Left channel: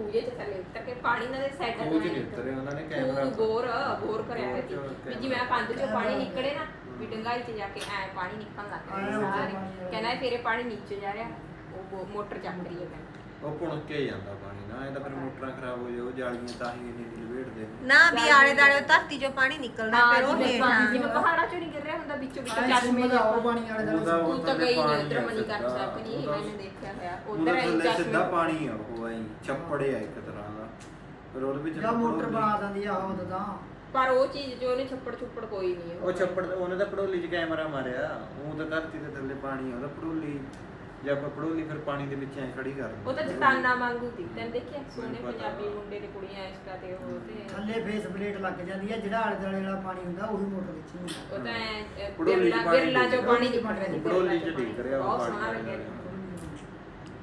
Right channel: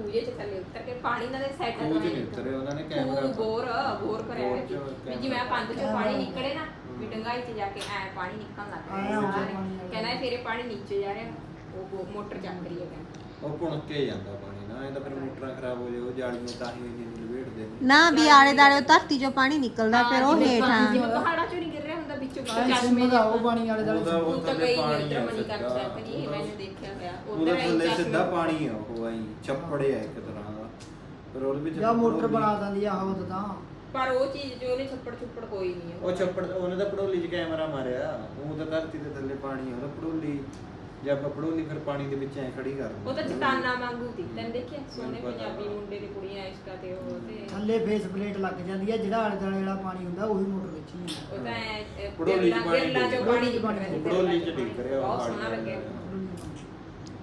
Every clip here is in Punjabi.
ਖੂਜੇ ਚ ਥੱਲੇ ਉਤਰ ਕੇ ਪਾਣੀ ਨਾਲ ਸੈੱਟ ਖੂਹ 'ਚ ਨਹੀਂ ਉਤਰੇ ਉਹਨਾਂ ਨੇ ਕੈਮਰਾ ਬੋਰ ਬੋਰ ਕਰਿਆ ਹੋਇਆ ਸੀ ਵੀ ਜਿਵੇਂ ਕੰਧ ਚੋਂ ਪਾਣੀ ਨਿਕਲੇ ਨਾ ਵੀ ਡੰਗਾਈ ਚ ਜਾ ਕੇ ਐ ਪਾਣੀ ਨਿਕਲਣ ਲੱਗ ਰਿਹਾ ਸਾਰੇ। ਕਹਿੰਦਾ ਫੇਰੇ ਪਾਣੀ ਨੀਚੇ ਜਾ ਰਿਹਾ ਉਹ ਮੋਟਰ ਚੱਲ ਰਹੀ ਹੈ ਕਹਿੰਦਾ। ਉਹ ਪੁਣਕ ਕੇ ਜਾਂਦਾ ਪਾਣੀ ਨਾ ਇਹ ਤਾਂ ਫਿਰ ਮੋਟਰਾਂ ਖਰਾਬ ਹੋ ਜਾਓ ਜਾਲੀਆਂ ਤਾਂ ਹੀ ਇੰਨੀ ਲਵੇਟਦੇ ਨੇ। ਵੀ ਆਲੇ ਦਾਲੇ ਧਰਤੀ ਚੋਂ ਪਾਣੀ ਨਿਕਲਦਾ ਹਾਂ ਫਿਰ ਉਹ ਜਿਵੇਂ ਹੇਠਾਂ ਪਾਣੀ ਜਿਵੇਂ ਪਹਾੜਾਂ ਚੋਂ ਨਹੀਂ ਗਿਰ ਰਿਹਾ ਹੁੰਦਾ ਵਿੱਚੋਂ ਵਿੱਚੋਂ ਚਸ਼ਮੇ ਜਿਹੇ ਉਹ ਪਾਣੀ ਵਾਲੇ ਦਾ ਉਹਦਾ ਉਹ ਤਾਂ ਥੱਲੇ ਗਈ ਪਾਣੀ ਉਧਰ ਆ ਮਨੀ ਕਰ ਸਿੱਧਾ। ਉਹਦਾ- ਮੈਨੂੰ ਦੇਖਿਆ ਹੋਇਆ ਉਹਦਾ ਉਧਰ ਥੱਲੇ ਸਿੱਧਾ ਪਾਣੀ ਆ ਉਹ ਆਈ ਛੱਪੜੇ ਆ ਇੱਕ ਤਰ੍ਹਾਂ ਦਾ। ਪਰ ਉਹਦੇ ਵਿੱਚ ਜਾਂ ਮੋਟਰ ਪੜੋਲੀ- ਬਣਾ ਦਿੰਦੀ ਆ ਉਹ ਤਾਂ। ਪਰ ਉਹ ਚੀਜ਼ ਜੋ ਉਹਨੇ ਛੱਪੜ ਛੁੱਪੜ ਕੋਈ ਨਹੀਂ ਉਹ ਛੱਪੜ ਉਹਨੇ ਤਾਂ ਪੜੋਲੀ 'ਚ ਕੈਮਰਾ ਮਾਰਿਆ। ਉਹ ਤਾਂ ਧਰਤੀ ਦੇ ਥੱਲੇ ਪਾਣੀ ਆ ਉਹਦਾ ਪੜੋਲੀ। ਜੇ ਆਪਾਂ ਪੜੋਲੀ ਫਿਰ ਪਾਣੀ ਦੇ ਵਿੱਚ ਐ ਖੜੀ ਕਰ ਉਹ ਤਾਂ ਚਟਾਨਾ ਵਾਂਗੂ ਸੀ। ਤੈਨੂੰ ਦੇਖਿਆ? ਸੋਹਣੇ। ਪੰਜਾਬੀ ਮੁੰਡੇ ਤੇ ਕੁੜੀਆਂ ਇਸ਼ਕਾ ਤੇ ਉਹ ਤੇ ਥੱਲੇ ਫੇਸ ਪਲੇਟ ਲੱਗ ਜਾਂਦੀ ਹੈ ਜਿਹੜਾ ਆਲੇ ਦੁਆਲੇ ਵਾਲਾ ਪਾਣੀ ਹੁੰਦਾ ਉਹੀ ਮੋਟਰ ਵਿੱਚ ਹੀ ਹੁੰਦਾ। ਉਹ ਤਾਂ ਪੜੋਲੀ 'ਚ ਪਾਣੀ ਬਿਰਲਾ ਚੋਂ ਪਾਣੀ ਰਿਹਾ ਸੀ, ਪੜੋਲੀ 'ਚ ਡਿੱਗ ਰਿਹਾ ਉਹ ਪਾਣੀ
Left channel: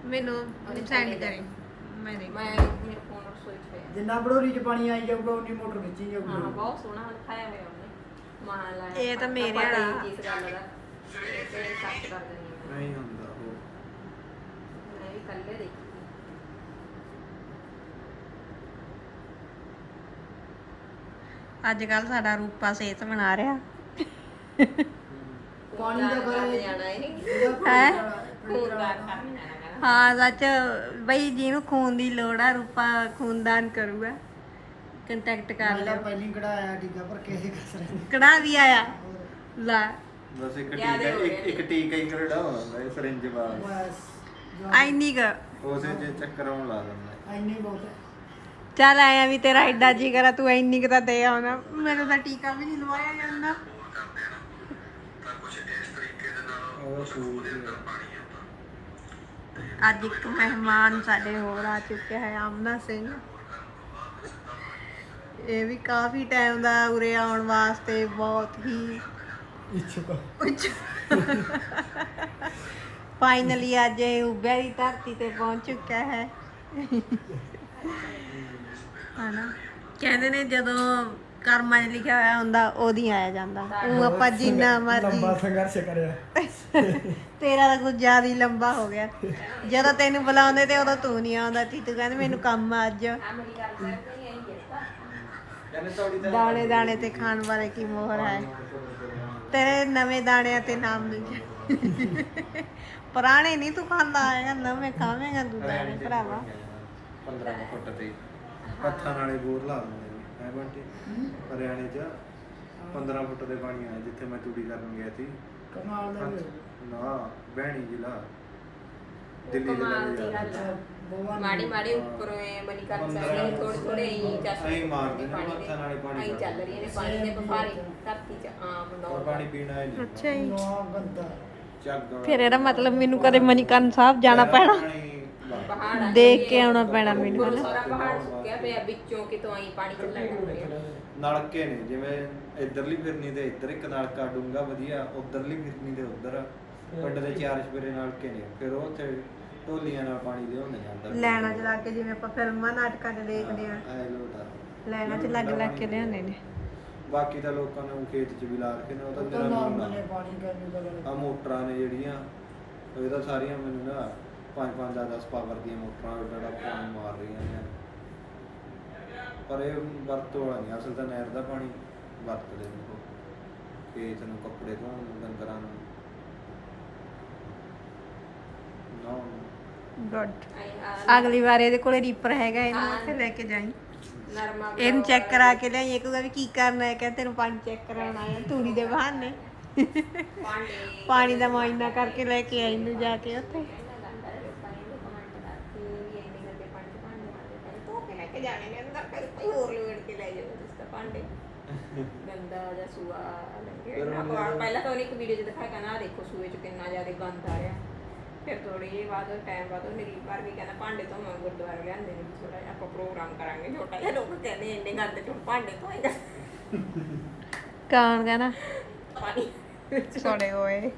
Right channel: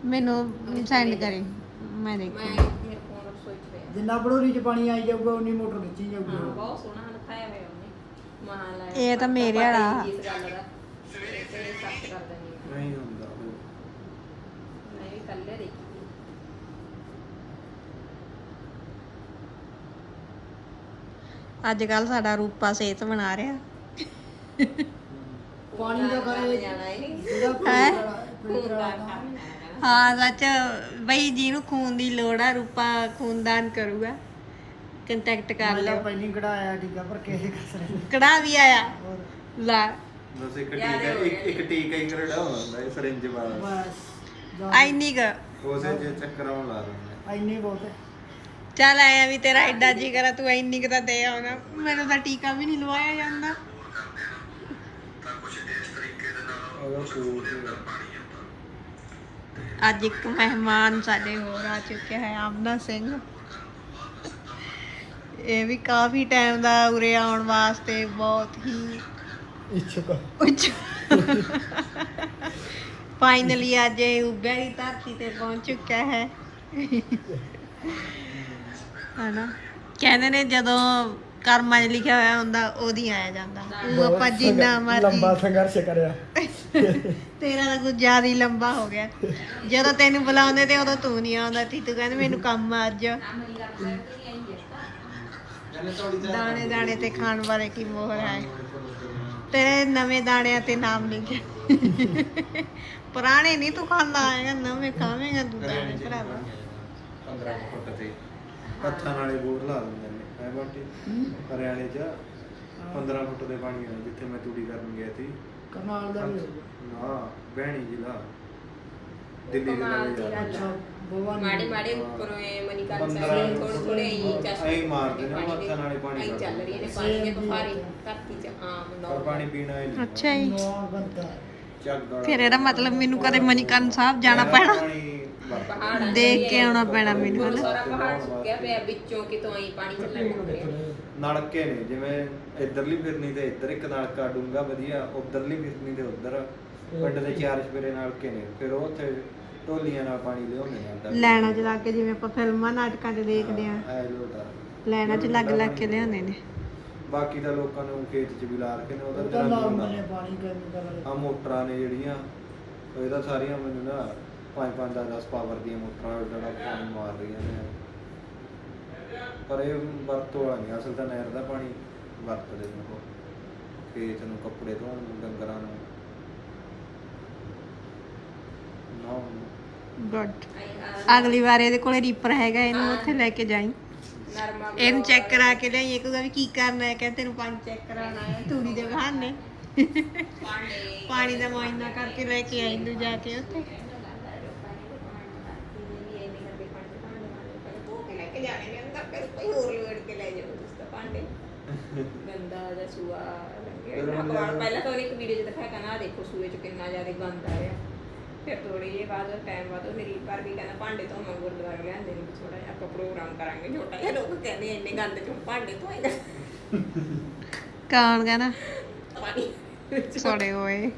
ਮੈਨੂੰ ਸੈਂਡ ਕਰੇ ਮੈਂ ਮੈਂ ਮੇਰੇ ਫੋਨ ਰਸੋਈ ਚ ਪਿਆ। ਜਿੰਨਾ ਬੜੋਰੀ ਚ ਪਾਣੀ ਆਈ ਜਾਊਗਾ ਉਨੀ ਮੋਟਰ ਵਿੱਚ ਹੀ ਹਾਂ ਜਾਊਗੀ ਬਹੁਤ ਸੋਹਣਾ ਦਿਖਾਇਆ ਹੋਇਆ ਉਹਨੇ। ਮਹਾ ਲਾਇਆ। ਇਹ ਤਾਂ ਮੇਰੇ ਹੀ। ਜਿਸ ਗੱਲ ਦਾ। ਹਾਂ। ਨਹੀਂ ਹੁੰਦਾ। ਕੱਲੇ ਦੇਖੀ। ਅੱਜ ਕੱਲ ਸਾਡਾ ਰੂਪਾ ਸਿਹਤ ਬਣਾ ਰਿਹਾ। ਪਾਣੀ ਦਾ ਜਾਣਾ ਇਹ ਹੈ? ਹਾਂ ਸੱਚ। ਬਈ ਜਿਹਨੂੰ ਖੂਨ ਦੀ ਲੋੜ ਆ ਰੂਪਾ ਖੂਨਦਾਨ ਕਰੂਗਾ। ਕੰਟੈਕਟ ਕਰ ਲਿਓ। ਪਹਿਲੀ ਕਢਾਇਆ ਟੀਕਾ ਪਰ ਕਿਸੇ ਕਸਰ ਨਹੀਂ। ਕੜਾ ਵੀ ਆਇਆ। ਲਾ। ਬਸ ਇੱਕ ਟੀਕਾ ਇੱਕ ਟੀਕਾ ਹੀ ਇਹ ਸਰਿੰਜ ਬਸ। ਐਨੀ ਕ ਉਸੇ ਜੇ ਚੱਕਰਾਂ ਨੂੰ ਲਾ ਦਿੰਦਾ। ਐਨੇ ਬਹੁਤ। ਹੈ। ਚੱਲ ਆਇਆ ਵੀ ਤੇਰਾ ਐਡਾ ਜੀ ਕਰਾ ਤੂੰ ਇੰਨੀ ਕੁ ਤਾਂ ਦੇ ਆਉਣਾ। ਮੈਨੂੰ ਤਾਂ ਟੀਕਾ ਵੀ ਨਹੀਂ ਲਵਾਇਆ ਜਾਂਦਾ। ਸੂਟ ਅੱਜ ਇੱਕ ਮਹਿਮਾਨ ਸਾਡੇ ਹੋਰ ਆ ਚੁੱਕਿਆ ਹੈ ਆਮਨਾ ਸਿੰਘ। ਇਹ ਵੀ ਕਾਫੀ ਟਾਈਮ ਦਾ ਉਰੇ ਆਉਣ ਵਾਸਤੇ ਬਹੁਤ ਹੀ ਇੱਛੁਕ। ਉੱਚ। ਫਾਈਨਲੀ ਅੱਜ ਇਹ ਉੱਭਿਆ ਹੀ ਧਰਤੀ ਤੇ ਪਹੁੰਚ ਚੁੱਕਿਆ ਹੈ। ਹਨਾ? ਕਹਿੰਦੇ ਨੇ ਜਦੋਂ ਕਰਮਾਂ 'ਚ ਲਿਖਿਆ ਹੋਇਆ ਹੁੰਦਾ ਉਹਦੀ ਆਇਆ ਜਾਂਦਾ। ਉਹ ਆਪਾਂ ਜਿੰਨਾ ਮਰਜ਼ੀ ਸੰਘਰਸ਼ ਕਰਿਆ। ਤੇਰਾ ਤਾਂ ਕੁਝ ਜ਼ਿਆਦਾ ਹੀ ਲੰਬਾ ਹੋ ਗਿਆ। ਜਦੋਂ ਤੈਨੂੰ ਬੁਲਾਉਂਦੇ ਤੇ ਉਦੋਂ ਤੂੰ ਨਹੀਂ ਆਉਂਦਾ। ਤੀ ਤੂੰ ਕਹਿੰਦੇ ਮੈਨੂੰ ਕੰਮ ਆ ਅੱਜ। ਦਾਣੇ ਦਾਣੇ ਤੇ ਖਾਣ ਵਾਲੇ ਕੀ ਮੋਹਰ ਹੈ? ਤੇਰੇ ਨਵੇਂ ਦਾਣਿਆਂ ਤੇ ਨਾਮ ਨਹੀਂ ਕਿ ਪੁਰਾਣੇ ਨਹੀਂ ਤੂੰ ਖਾਂਦਾ ਆਏਗਾ ਨਵੇਂ ਖਾਵੇਂਗਾ ਤੂੰ ਦਾਣੇ ਭਰਾਵਾ। 15 ਫੁੱਟ ਤੇ। ਹੱਥਾਂ ਨਾਲੇ ਬੋਰ ਲਾ ਦਿੰਦੇ ਨੇ ਐ ਬੰਟੀ? ਹਰਿਆਣੇ 'ਚ 15 ਫੁੱਟ ਦੇ ਪਾਣੀ ਆ ਜਿੱਥੇ ਮੈਂ ਤੂੜੀ ਕਰਨ ਗਿਆ ਸੀ। ਕਮਾਲ ਦਾ ਵੀ ਹੋਊਗਾ। ਨਾ ਬਹਿਣੀ ਜ਼ਿਲ੍ਹਾ। ਦਿੱਲੀ ਜ਼ਿਲ੍ਹਾ ਕਮਾਲ ਵੀ ਦੀ ਜ਼ਿਆਦਾ। ਗੱਲ ਅੱਛਾ ਭਗਵਾਨ ਮਾੜੀ ਮਾੜੀ ਉੱਪਰੋਂ ਐ ਮਨੀ ਕਰ ਪੰਦਰਾਂ ਸਕਦੇ ਥੋੜੇ ਥੋੜੇ ਹੀ ਚਸ਼ਮੇ ਐਂ ਮਾਰਦੇ ਨੇ, ਹੱਥਾਂ ਨਾਲ ਹੀ ਪਾਣੀ ਐਂ ਚੱਲ ਰਹੀਆਂ ਨੇ। ਪਾਣੀ ਦੇ ਬਫਾਰੇ ਧਰਤੀ 'ਚ ਆਮ ਪਰ ਨੌਰ ਪਾਣੀ ਪੀਣਾ ਹੀ ਨਹੀਂ ਅੱਛਾ ਜੀ। ਫਿਰ ਇਹਦਾ ਮਤਲਬ ਮੈਨੂੰ ਕਦੇ ਮਨੀਕਰਨ ਸਾਹਿਬ ਜਾਣਾ ਪੈਣਾ। ਪਹਾੜਾਂ 'ਚ ਦੇਖ ਵੀ ਕੇ ਆਉਣਾ ਪੈਣਾ ਮੈਨੂੰ ਗੁਰੂ ਹਨਾ? ਸਾਰਾ ਪਹਾੜ ਸੁੱਕਿਆ ਪਿਆ ਵਿੱਚੋਂ ਕਿਤੋਂ ਆਈ ਪਾਣੀ ਚੱਲਣ ਲੱਗ ਰਿਹਾ ਨਲਕੇ ਨੇ ਜਿਵੇਂ ਇਧਰਲੀ ਫਿਰਨੀ ਤੇ ਇੱਧਰ ਇੱਕ ਨਲਕਾ ਡੂੰਗਾ ਵਧੀਆ ਉਧਰਲੀ ਫਿਰਨੀ ਤੇ ਉਧਰ। ਪਿੰਡ ਦੇ ਚਾਰ ਚਪੇਰੇ ਨਲਕੇ ਨੇ ਫਿਰ ਉਹ ਉੱਥੇ ਢੋਲੀਆਂ ਨਾਲ ਪਾਣੀ ਲਿਆਉਂਦੇ ਨੇ ਅੰਦਰ। ਲੈਣਾ ਚ ਲਾ ਕੇ ਜਿਵੇਂ ਆਪਾਂ ਫਿਲਮਾਂ ਨਾਟਕਾਂ 'ਚ ਦੇਖਦੇ ਆ ਐ ਲੋਟਾ। ਲੈਣਾ ਚ ਲੱਗ ਲੱਗ ਕੇ ਲਿਆਉਂਦੇ ਨੇ। ਬਾਕੀ ਤਾਂ ਲੋਕਾਂ ਨੇ ਉਹ ਖੇਤ 'ਚ ਵੀ ਲਾ ਰੱਖੇ ਨੇ ਉਹਦਾ ਤਾਂ ਜਿਹੜਾ ਨਾਰਮਲ ਹੈ ਪਾਣੀ ਕੈਮੀਕਲ ਆ ਮੋਟਰਾਂ ਨੇ ਜਿਹੜੀਆਂ ਇਹ ਤਾਂ ਸਾਰੀਆਂ ਮੈਨੂੰ ਨਾ 5 5 10 10 ਪਾਵਰ ਦੀਆਂ ਮੋਟਰਾਂ ਜਿਹੜਾ ਪਾਣੀ ਮਾਰ ਰਹੀਆਂ ਨੇ। ਪਰ ਇਹ ਵਰਤੋਂ ਵਾਲਾ ਨਹੀਂ ਅਸਲ ਤਾਂ ਨਹਿਰ ਦਾ ਪਾਣੀ ਵਰਤਦੇ ਨੇ ਉਹ। ਖੇਤ ਨੂੰ ਕੱਪੜੇ ਧੋਣ ਨੂੰ ਡੰਗਰਾਂ ਨੂੰ। ਗੁੱਡ ਅਗਲੀ ਵਾਰ ਇਹਦੇ ਕੋਲੇ ਰੀਪਰ ਹੈਗਾ ਇਹਨੂੰ ਉੱਥੇ ਲੈ ਕੇ ਜਾਈਂ। ਨਰਮਾ ਇਹਨੂੰ ਚੈੱਕ ਕਰਾ ਕੇ ਲਿਆਈ ਇਹ ਕਹੂਗਾ ਵੀ ਕੀ ਕਰਨਾ ਹੈ ਕਹਿੰਦੇ ਤੈਨੂੰ ਪਾਣੀ ਚੈੱਕ ਕਰਾਉਣਾ ਹੈ ਤੂੜੀ ਦੇ ਬਹਾਨੇ। ਪਾਣੀ ਪਾਣੀ ਦਾ ਮੁਆਇਨਾ ਕਰਕੇ ਲੈ ਕੇ ਆਈ ਨੂੰ ਜਾ ਕੇ ਉੱਥੇ। ਕੋਈ ਹੋਰ ਲੋੜ ਕੇ ਲੈ ਜਾਓ ਜਿਸ ਦਾ ਭਾਂਡੇ ਗੰਦਾ ਜਾਂ ਸੂਆ ਲੰਗੇ ਫਿਰ ਨਾ ਹੁਣ ਕੋਲ ਜਦੋਂ- ਪਹਿਲਾਂ ਤਾਂ ਉਹਨੇ ਇੱਕ ਵੀਡੀਓ 'ਚ ਦਿਖਾਇਆ ਕਹਿੰਦਾ ਦੇਖੋ ਸੂਏ 'ਚ ਕਿੰਨਾ ਜ਼ਿਆਦਾ ਗੰਦ ਆ ਰਿਹਾ ਫਿਰ ਥੋੜੀ ਜਿਹੀ ਬਾਅਦ ਟਾਈਮ ਬਾਅਦ ਉਹ ਮੇਰੀ ਪਰ ਵੀ ਕਹਿੰਦਾ ਭਾਂਡੇ ਧੋਣਾ ਗੁਰਦੁਆਰੇ ਲਿਆਂਦੇ ਨੇ ਥੋੜਾ ਜਿਹਾ ਆਪਾਂ ਪ੍ਰੋਗਰਾਮ ਕਰਾਂਗੇ ਛੋਟਾ ਜਿਹਾ। ਲੋਕ ਕਹਿੰਦੇ ਇੰਨੇ ਗੰਦ 'ਚੋਂ ਭਾਂਡੇ ਧੋਏਗਾ। ਕੌਣ ਕਹਿੰਦਾ? ਪਾਣੀ। ਸੜੇ ਹੋਏ।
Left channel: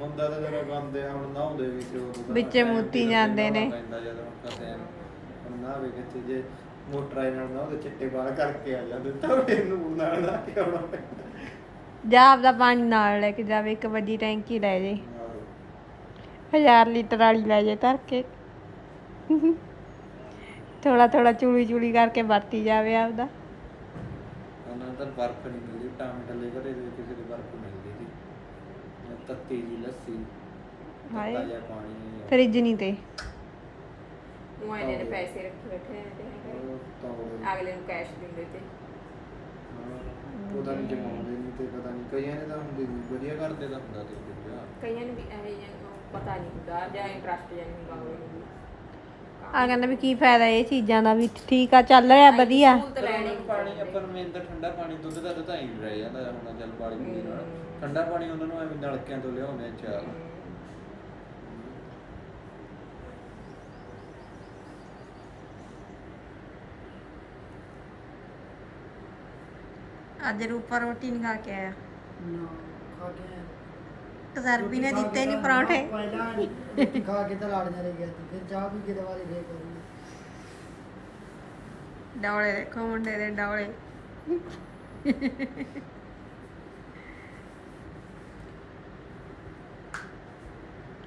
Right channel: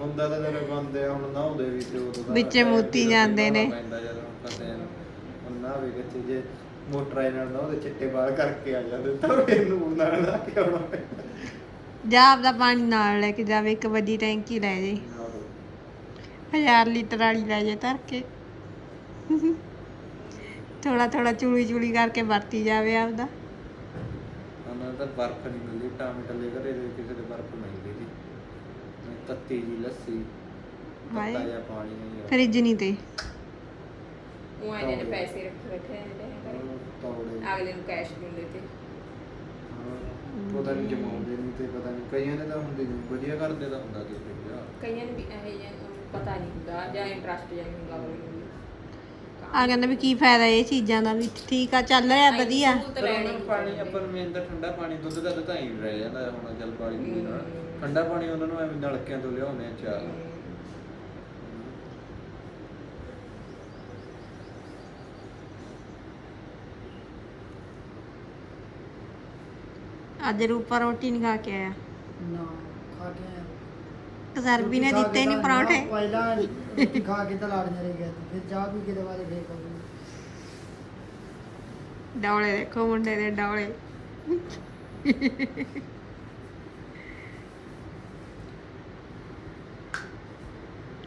ਹੁੰਦਾ ਤਾਂ ਜਦੋਂ ਗੰਦੇ ਆ ਹੁਣ ਨਹਾਉਂਦੇ ਵੀ ਤੇ ਉਦੋਂ ਤਾਂ ਵਿੱਚੇ time ਮੋਤੀ ਜਦੋਂ ਜਾਂਦੇ ਨੇ। ਪੈਂਦਾ ਜਦੋਂ ਹੁਣ ਨਾ ਵੇ ਕਿਤੇ ਜੇ ਮੋਟਰ ਨਾਲ ਨਹਾਉਂਦੇ ਚਿੱਟੇ ਬਾਲ ਕਰਕੇ ਆ ਜਾਂਦੇ ਤਾਂ ਫਿਰ ਨੂੰ ਨਾਲ ਲਾ ਕੇ ਆਉਣਾ ਪੈਂਦਾ। ਜਾ ਆਪਦਾ ਪਾਣੀ ਨਾਲ ਲੈ ਕੇ ਜਾਵੇ ਇੱਕ ਵੱਡੀ ਟੈਂਕੀ ਲੈ ਜੇ। 1000 ਲੀਟਰ ਵਾਲੀ ਲੈ ਜੇ ਧਰ ਕੇ। ਥੋੜਾ ਥੋੜਾ ਚੂਲੀ ਚੂਲੀ ਕਰਕੇ ਵਰਤੀ ਜਾਵੇ ਆਪਦਾ। ਉਹਨਾਂ ਦਾ ਬਰਫ਼ ਨਹੀਂ ਮਿਲਦੀ ਟਾਵੇਂ ਟੱਲੇ ਘਰੇ ਦੇ ਕਿਸੇ ਦੇ ਬਰਫ਼ ਮਿਲਦੀ ਸੀ ਮੈਂ ਤੱਤੀ ਜੀ ਲੱਸੀ ਹਾਏ। ਤੱਤਾ ਜਿਹਾ ਪਾਣੀ ਨਹੀਂ ਫਰਿੱਜ ਨਹੀਂ ਤੇ। ਉਹ ਇਹਨੇ ਨੇ ਪੈਸੇ ਰੱਖ ਬੈਠੇ ਨੇ। ਉਹ ਤੌੜੇ। ਅਗਲੇ ਨੂੰ ਕੈਸ਼ ਦਿੰਦੇ ਤੇ। ਹਾਂ, ਪਤਾ ਨਹੀਂ ਜਮਾਉਂਦੇ ਨਹੀਂ ਤੇ ਪਤਾ ਨਹੀਂ ਕਈਆਂ ਨੇ ਤਾਂ ਹੁੰਦੇ ਨੀ, ਵਧੀਆ ਕਰਦੇ ਤਾਂ ਹੁੰਦਾ ਤੇ ਫਿਰ ਜਾ। ਕਈਆਂ ਨੂੰ ਵੀ ਇਹ ਜਿਹਾ ਪਤਾ ਨਹੀਂ ਹੁੰਦਾ ਜਾਂ ਇੰਟਰਸਟ ਜਾਂ ਨਹੀਂ ਹੁੰਦਾ ਅਗਲੇ ਨੂੰ ਵੀ। ਆ ਕਹਿੰਦੇ ਵੀ ਕੀ ਫਾਇਦਾ ਇਹ ਚੀਜ਼ਾਂ ਦਾ ਵੀ ਠੀਕ ਆ ਚੱਲ ਰਿਹਾ ਵਧੀਆ। ਸਹੂਲਤ ਪਰ ਲੈਣੀ ਉਹਨਾਂ ਨੂੰ ਪਾਣੀ ਆਪਾਂ ਨੂੰ ਮੇਨ ਤਾਂ ਠੰਡਾ ਪਾਣੀ ਦੁੱਧ ਦਾ ਤਾਂ ਹੀ ਰਹਿ ਜਾਂਦਾ ਹੁਣ ਜਲ ਪਾਣੀ ਪੀ ਨਾਲ। ਹਮ। ਠੰਡਾ ਪਾਣੀ ਉਹਨਾਂ ਨੂੰ ਐਵੇਂ ਨਲਕਿਆਂ ਤੋਂ ਲਿਆਉਂਦੇ ਆ ਚਾਲ ਅੱਜ ਰੂਪਾ ਰੋਟੀ ਨਹੀਂ ਖਾ ਕੇ ਆਇਆ। ਨਾ ਖਾ ਕੇ ਆਇਆ। ਤਸਰਬੀ ਨੇ ਦਿੱਤੇ ਕੇ ਨਹੀਂ ਪਰੌਂਠੇ ਨਾ, ਪਹਿਲਾਂ ਰੋਟੀ ਖਾ ਕੇ ਤਾਂ ਲਾੜੀਆਂ ਰਹਿ ਗਿਆ ਸੀ ਫਿਰ ਚਾਹ ਵੀ ਕਿਤੇ ਵਾਰੀ ਫੇਰ ਕਰੂੰਗੀ ਡੌਲੇ ਦੇਖੋ ਮੁੰਡੇ ਦੇ ਡੌਲੇ।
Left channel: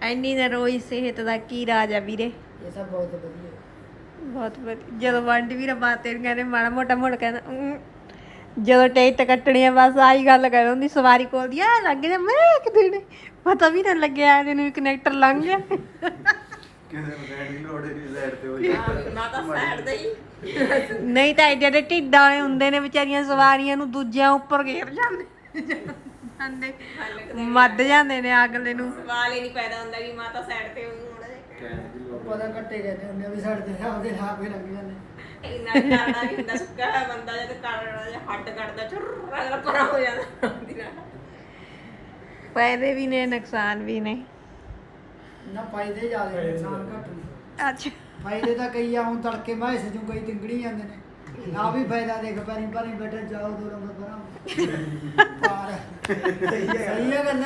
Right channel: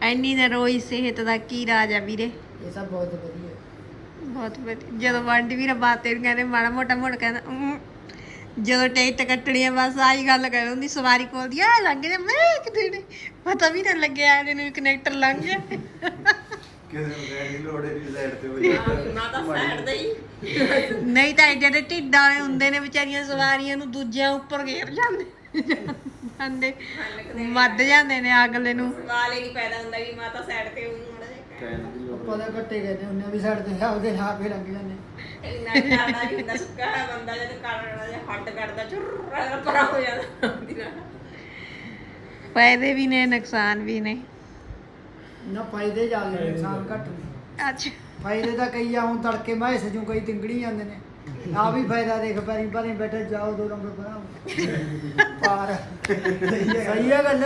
ਐਨੀ ਨਰੋਈ ਸਿਹਤ ਦਾ ਕੀ ਰਾਜ ਆ ਵੀਰੇ? ਇਹ ਸਭ ਬਹੁਤ ਵਧੀਆ। ਬਹੁਤ ਵਧੀਆ। ਜਦੋਂ ਵੰਡ ਵੀਰ ਬਾਤੇ ਨੂੰ ਕਹਿੰਦੇ ਮਾੜਾ ਮੋਟਾ ਮੁੜ ਕਹਿੰਦਾ "ਊਂ।" ਜਦੋਂ ਟਿਕਟ ਕੱਟਣੀ ਆ ਬਸ ਆਹੀ ਗੱਲ ਕਰ ਹੁੰਦੀ ਸਵਾਰੀ ਕੋਲ ਦੀ ਆ ਲੱਗ ਜਾ ਮੈਂ ਕਿਤੇ ਨੇ ਪਤਾ ਵੀ ਨਾ ਲੱਗਿਆ ਜਿਹਨੂੰ ਕਨੈਕਟਰ ਲੰਘ ਗਿਆ। ਕਿਸੇ ਨੂੰ ਕਹਿਣ ਦੀ ਲੋੜ ਨਹੀਂ ਸਾਈਡ ਤੇ ਹੋ ਨਾ ਤਾਂ ਸਾਈਡ ਦੇ ਹੀ ਨਹੀਂ ਤਾਂ ਐਡੇ ਢਿੱਡਾਂ ਵਾਲੇ ਹੁੰਦੇ ਨੇ ਵਿਚਾਰੀਆਂ ਸਵਾਰੀਆਂ ਨੂੰ ਦੂਜਿਆਂ ਉੱਪਰ ਘੇਰ ਜਾਂਦੇ। ਜਾਂਦੇ ਮੱਦ ਜਾਂਦੇ ਨੇ ਅਗਲੇ ਨੂੰ। ਸਵਾਲ ਹੀ ਨਹੀਂ ਪੈਦਾ ਹੁੰਦਾ ਵੀ ਮਾਤਾ ਸਾਈਡ ਤੇ ਜਾ ਕਹਿਣ ਦੀ ਲੋੜ ਪਤਾ ਘੱਟੇ ਗਏ ਨੇ ਉਹਨੇ ਵੀ ਸਾਡੇ ਤੇ ਆਪਦੇ ਹਾਂ ਫੇਰ ਲੰਘ ਜਾਂਦੇ ਇੰਨਾ ਕਰਨਾ ਨਹੀਂ ਹੁੰਦਾ ਸੁੱਕਾ ਹੋਇਆ ਬੰਦਾ ਜਦ ਕਰਨਾ ਜਾਂ ਹੱਡ ਕੱਢਦਾ ਚੁਰ ਪਰਾ ਹੋ ਜਾਂਦਾ ਉਹਦੀ ਨਾਲ। ਫਾਇਦੇ ਵੀ ਨੇ ਨੁਕਸਾਨ ਵੀ ਨੇ। ਨਾ ਫਾਇਦੇ ਜ਼ਿਆਦਾ ਨੇ ਨੁਕਸਾਨ ਘੱਟ ਨੇ। ਅੱਛਾ। ਫਾਇਦੇ ਤਾਂ ਕਈ ਆ ਹੁਣ ਤੜਕੇ ਮੈਂ ਸਜੂ ਕਈ ਤਿੰਗੜੀ ਜਾਂਦੇ ਨੇ। ਆ ਵੀ ਫਾਇਦਾ ਦੇਖ ਪੈਰੀ ਪੈਰੀ ਬੈਠੇ ਜਾਓ ਦੋ ਨੰਬਰ ਪਰਾਂ ਪਾਰ ਸਹੀ ਹੈ ਗੱਲ।